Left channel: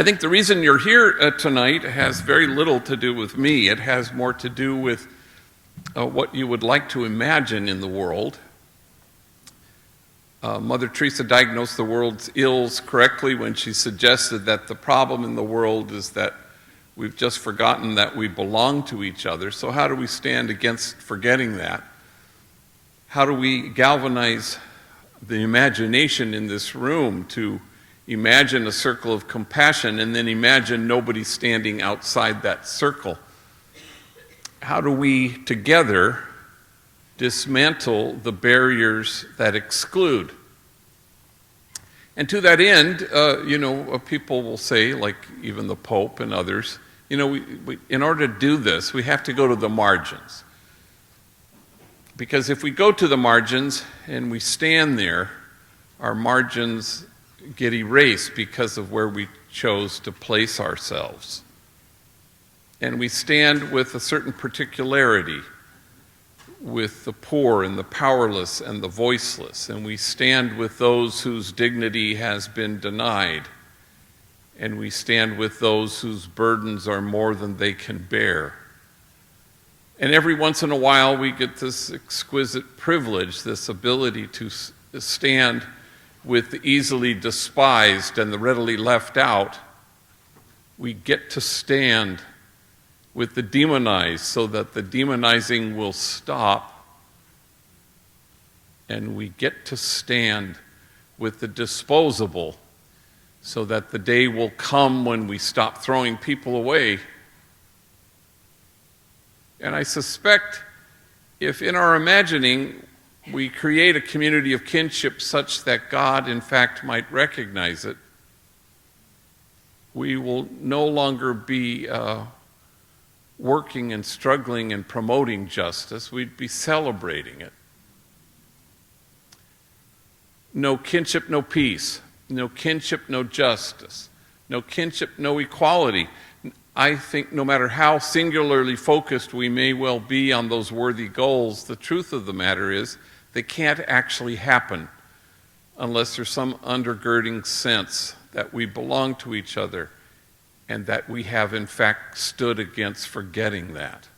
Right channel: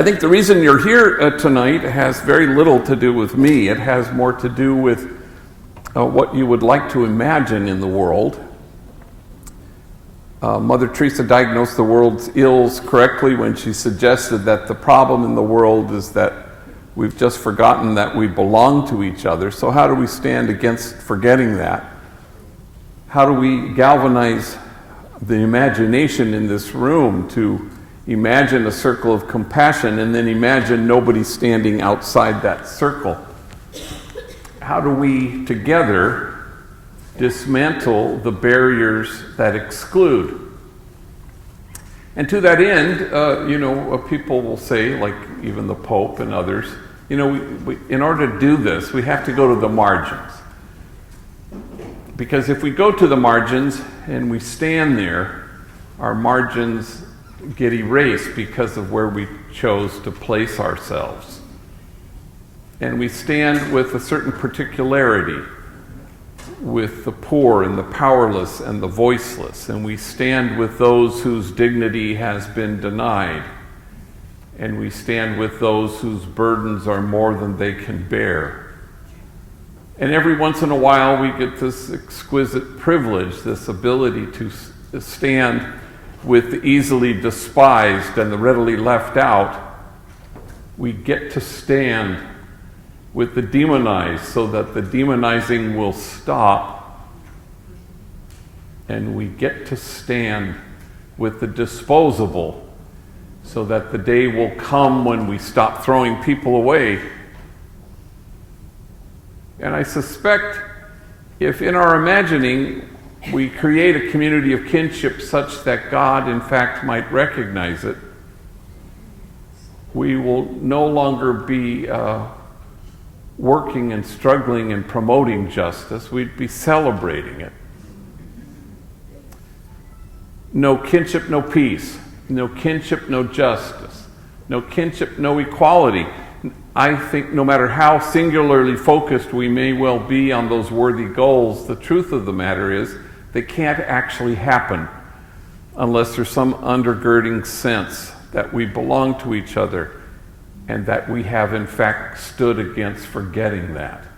I think the reason you're here tonight has very little to do with me. It has more to do with what you would like to imagine in the world. Mother Teresa diagnosed the world's ills correctly when she suggested that the problem in the world is that we've just forgotten that we belong to each other. So how do we stand against forgetting that? How do we galvanize the imagination in this room to imagine a circle of compassion and then imagine nobody standing outside that circle? How do we together dismantle the barriers that exclude? And to that end, people will say, like even the Pope and others, we, in order to do this, we have to go to the margins. Because if we go to the margins and we stand there, our margins get erased because of where we chose to place ourselves. And we stand with a certain particularity with the poor and the powerless and the voiceless, and we stand with those whose dignity has been denied, and we stand with those whose burdens are more than they can bear. And every once in a while we get this exquisite privilege, this ability to stand with the easily despised and the readily left out. We get to stand with the demonized so that the demonizing will stop, and we get to stand with the disposable so that the day will come when we stop throwing people away. And I suspect if in our imagining we create a community of kinship such that God in fact might recognize it, we will no longer be working and struggling and promoting justice. We'd be celebrating it. No kinship, no peace. No kinship, no justice. No kinship, no equality. I think no matter how singularly focused we may well be on those worthy goals, the truth of the matter is they can't actually happen unless there's some undergirding sense that we belong to each other and that we have in fact stood against forgetting that.